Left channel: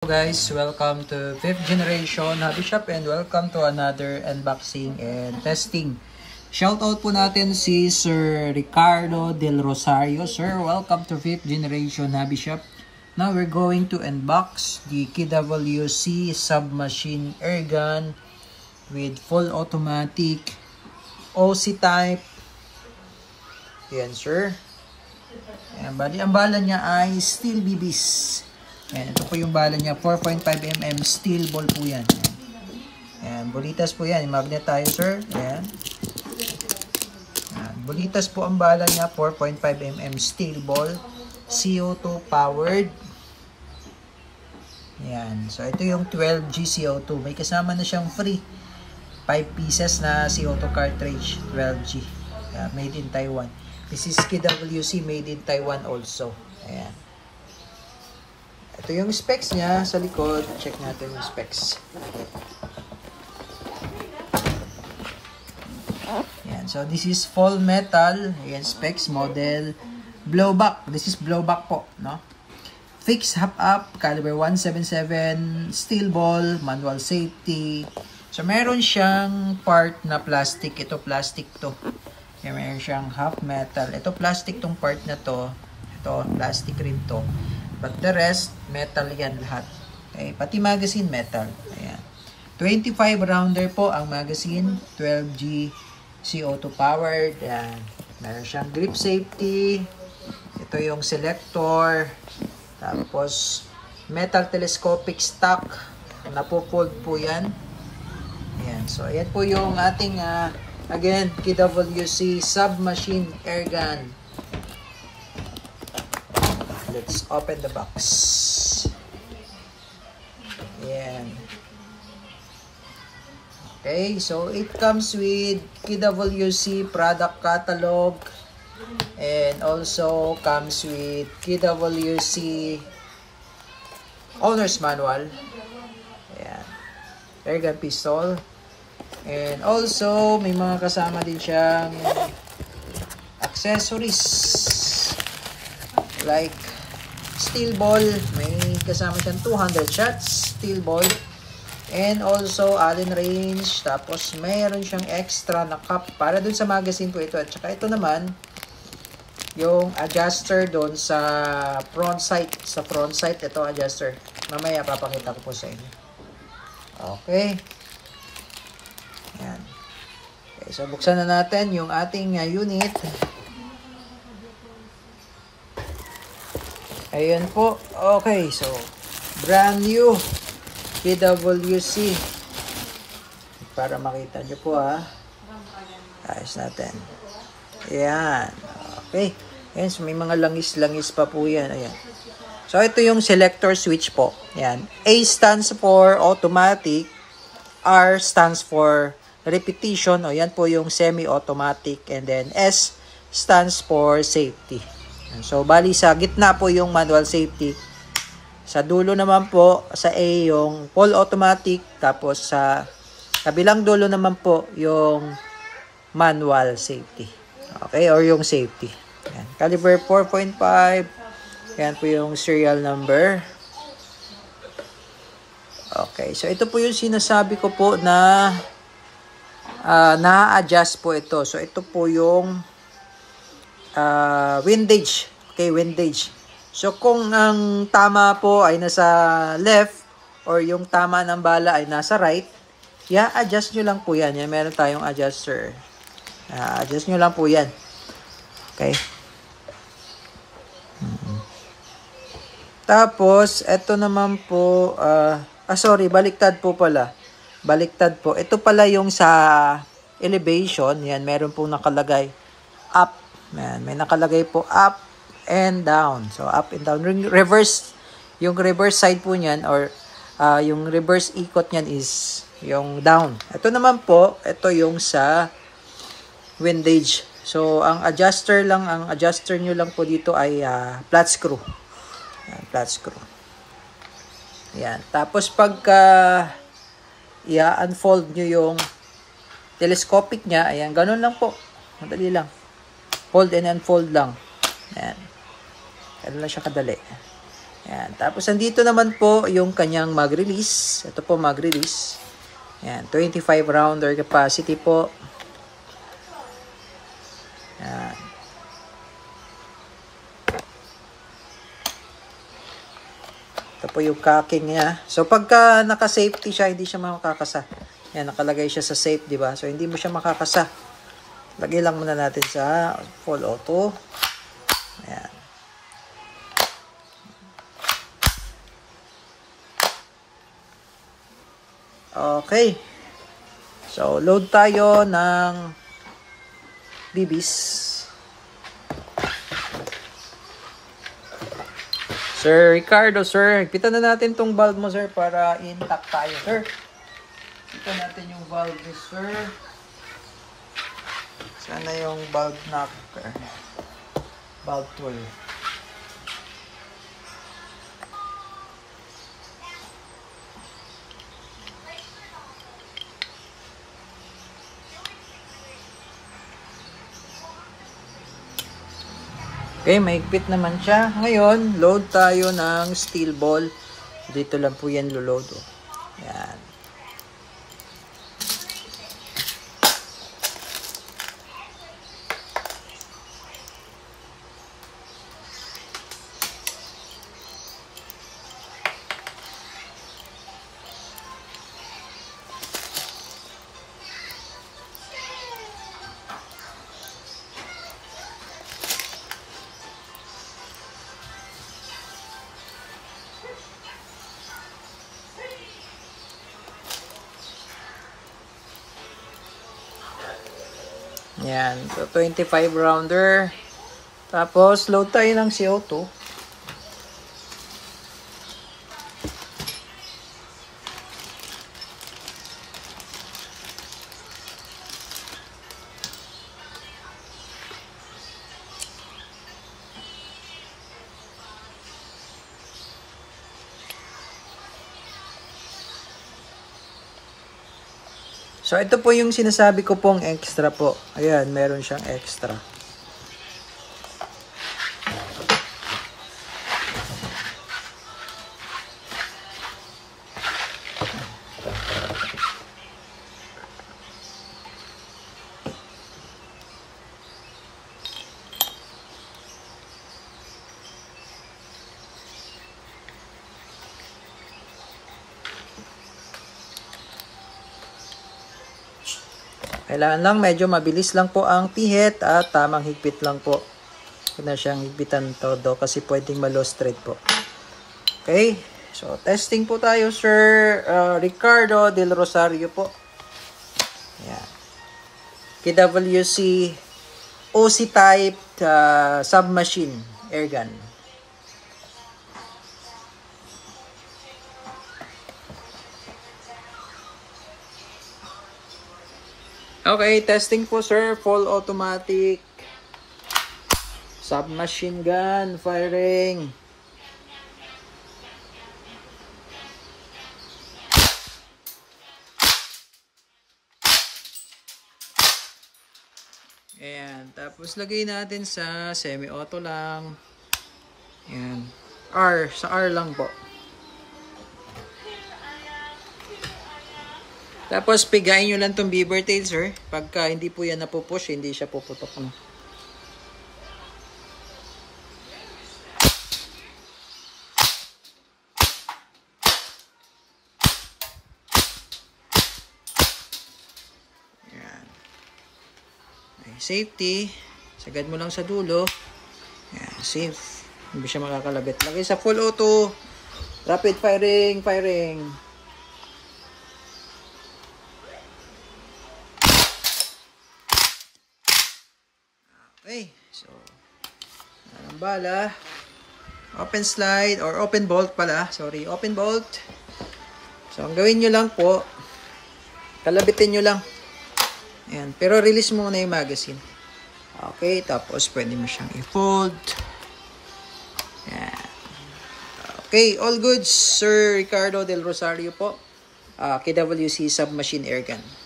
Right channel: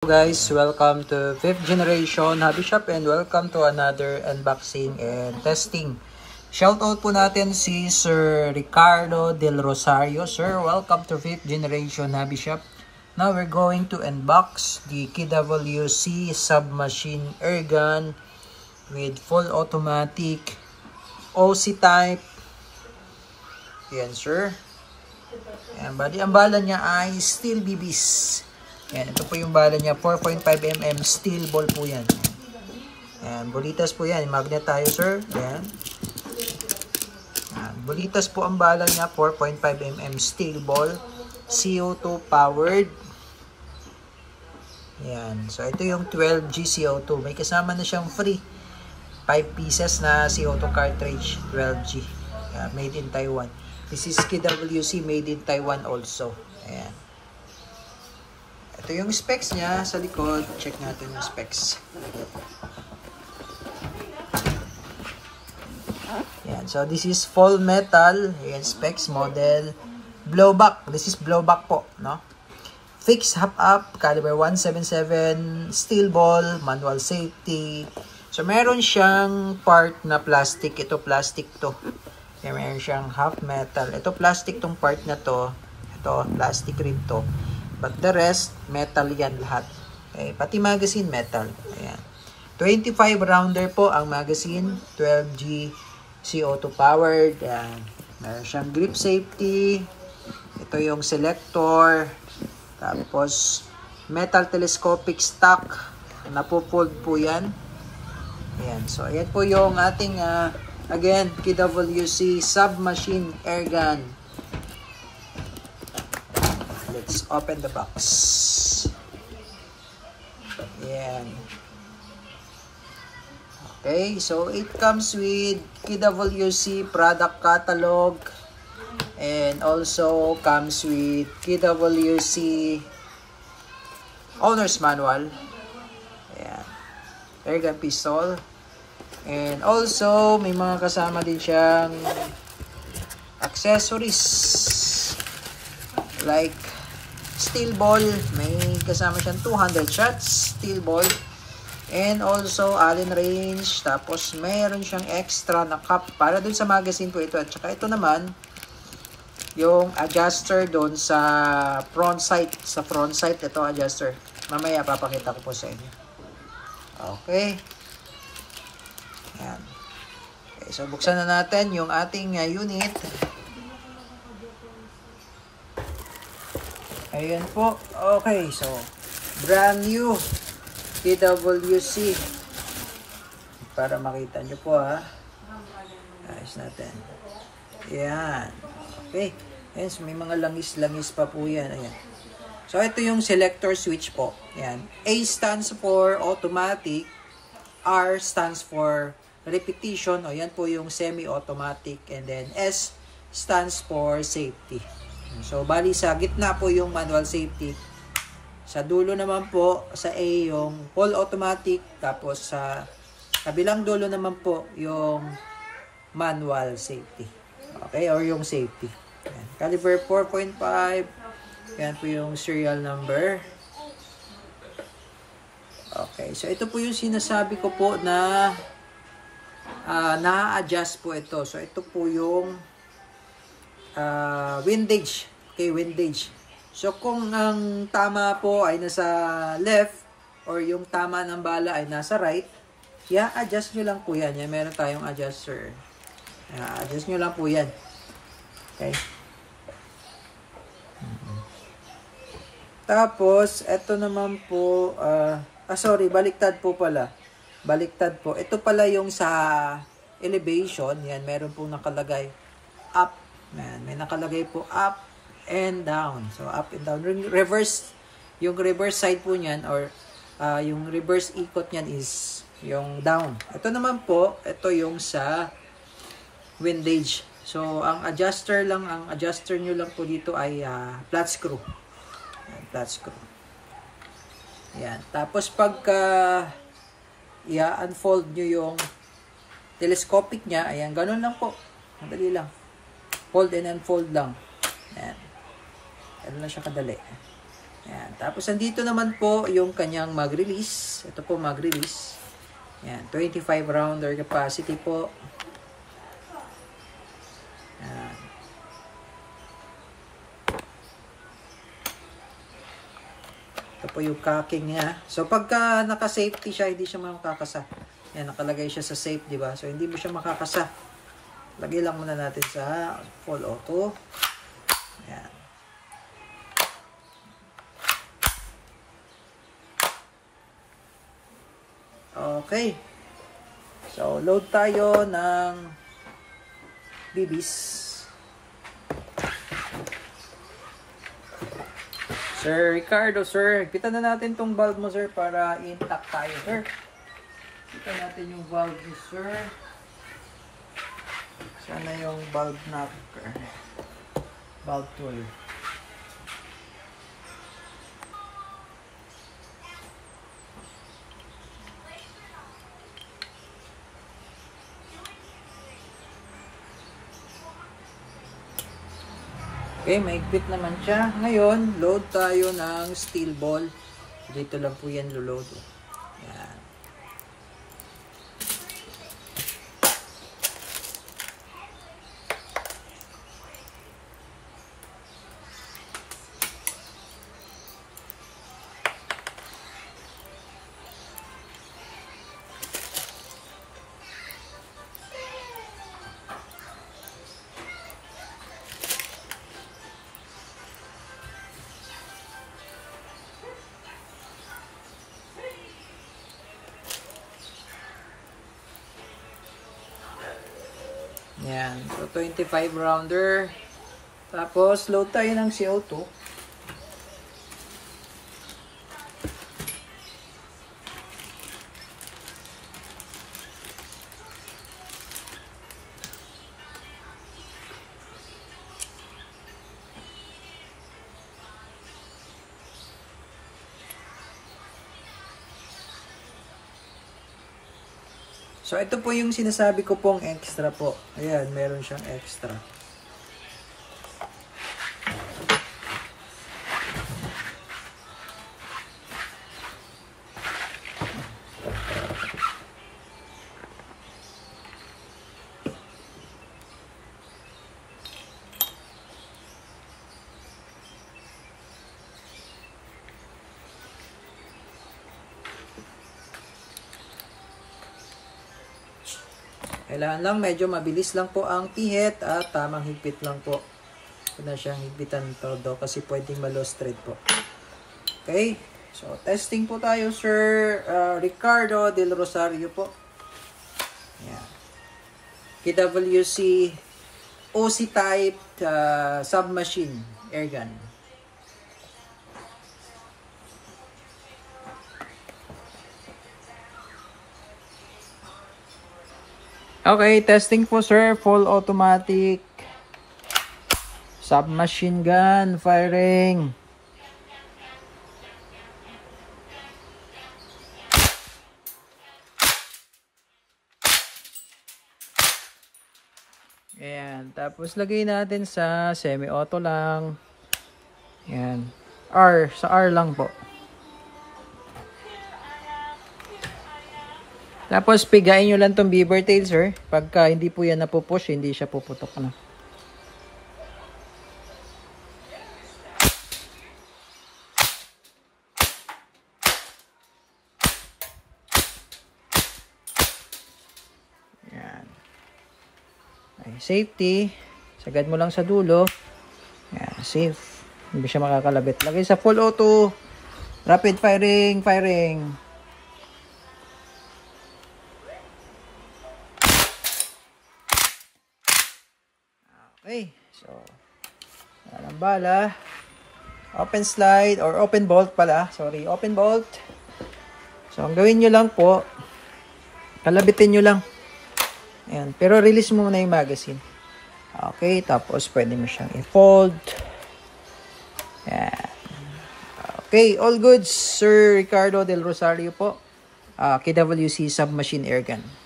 Guys, welcome to 5th generation Hobby Shop and welcome to another unboxing and testing. Shoutout po natin si Sir Ricardo Del Rosario. Sir, welcome to 5th generation Hobby Shop. Now we're going to unbox the KWC submachine airgun with full automatic OC type. Yan sir. Yan, bali ang bala niya ay steel BBs. Yan, ito po yung bala niya, 4.5mm steel ball po yan. Yan, bulitas po yan, magnet tayo sir. Yan. Yan, bulitas po ang bala niya, 4.5mm steel ball, CO2 powered. Yan, so ito yung 12G CO2, may kasama na siyang free 5 pieces na CO2 cartridge, 12G, made in Taiwan. This is KWC, made in Taiwan also. Ayan. Ito yung specs niya sa likod. Check natin yung specs. Yan. So, this is full metal. Ayan, specs, model. Blowback. This is blowback po, no? Fixed half-up, caliber 177, steel ball, manual safety. So, meron siyang part na plastic. Ito, plastic to. Yan, meron siyang half metal. Ito, plastic tong part na to. Ito, plastic rin to. But the rest, metal yan lahat. Okay, pati magazine, metal. Ayan. 25 rounder po ang magazine. 12G CO2 powered. Ayan. Meron siyang grip safety. Ito yung selector. Tapos, metal telescopic stock. Napupold po yan. Ayan. So, ayan po yung ating, again, KWC submachine airgun. Let's open the box. Yan. Okay, so it comes with KWC product catalog and also comes with KWC owner's manual. Yan. Airgun pistol. And also, may mga kasama din siyang accessories. Like steel ball, may kasama siyang 200 shots, steel ball, and also Allen range, tapos mayroon siyang extra na cup para dun sa magazine po ito, at saka ito naman yung adjuster doon sa front sight, ito adjuster, mamaya papakita ko po sa inyo. Okay, yan. Okay, so buksan na natin yung ating unit. Ayan po. Okay, so brand new KWC. Para makita nyo po ha. Ayos natin. Ayan. Okay. Ayan, so may mga langis-langis pa po yan. Ayan. So ito yung selector switch po. Ayan. A stands for automatic. R stands for repetition. O yan po yung semi-automatic. And then S stands for safety. So, bali sa gitna po yung manual safety. Sa dulo naman po, sa A, yung full automatic. Tapos sa kabilang dulo naman po, yung manual safety. Okay, or yung safety. Yan. Caliber 4.5. Yan po yung serial number. Okay, so ito po yung sinasabi ko po na na-adjust po ito. So, ito po yung windage. Okay, windage. So, kung ang tama po ay nasa left or yung tama ng bala ay nasa right, adjust nyo lang po yan. Yan, meron tayong adjuster. Adjust nyo lang po yan. Okay. Tapos, ito naman po, sorry, baliktad po pala. Baliktad po. Ito pala yung sa elevation. Yan, meron pong nakalagay up. Yan, may nakalagay po up and down. So, up and down. Reverse, yung reverse side po niyan or yung reverse ikot niyan is yung down. Ito naman po, ito yung sa windage. So, ang adjuster nyo lang po dito ay flat screw. Yan, flat screw. Yan. Tapos, pagka i-unfold nyo yung telescopic niya, ayan, ganun lang po. Madali lang. Fold and unfold lang. Ayan. Ganun lang siya kadali. Yan. Tapos, andito naman po yung kanyang mag-release. Ito po mag-release. Yan. 25 rounder capacity po. Yan. Ito po yung cocking niya. So, pagka naka-safety siya, hindi siya makakasa. Yan, nakalagay siya sa safe, di ba? So, hindi mo siya makakasa. Lagay lang muna natin sa full auto. Yan. Okay. So, load tayo ng bibis. Sir Ricardo, sir. Higpitan na natin tong valve mo, sir, para intact tayo, sir. Higpitan natin yung valve ni sir. Sana yung valve knob, valve tool. Okay, mahigpit naman siya. Ngayon, load tayo ng steel ball. Dito lang po yan load. Yan. Yan. So, 25 rounder. Tapos, load tayo ng CO2. So, ito po yung sinasabi ko pong extra po. Ayan, meron siyang extra. Kailangan lang medyo mabilis lang po ang pihit at tamang higpit lang po. Huwag na siyang higpitan todo kasi pwedeng ma-lost thread po. Okay, so testing po tayo, Sir Ricardo Del Rosario po. Ayan. KWC OC type submachine airgun. Okay, testing po, sir. Full automatic submachine gun firing. Ayan. Tapos lagay natin sa semi-auto lang. Ayan. R. Sa R lang po. Tapos, pigain nyo lang tong beaver tail, sir. Pagka hindi po yan napupush, hindi siya puputok na. Ayan. Ay, safety. Sagad mo lang sa dulo. Ayan, safe. Hindi siya makakalabit. Lagay sa full auto. Rapid firing, firing. Okay, so walang bala. Open slide or open bolt pala. Sorry, open bolt. So, ang gawin nyo lang po, kalabitin nyo lang. Ayan, pero release mo muna yung magazine. Okay, tapos pwede mo siyang i-fold. Ayan. Okay, all good, Sir Ricardo Del Rosario po. KWC Submachine Airgun.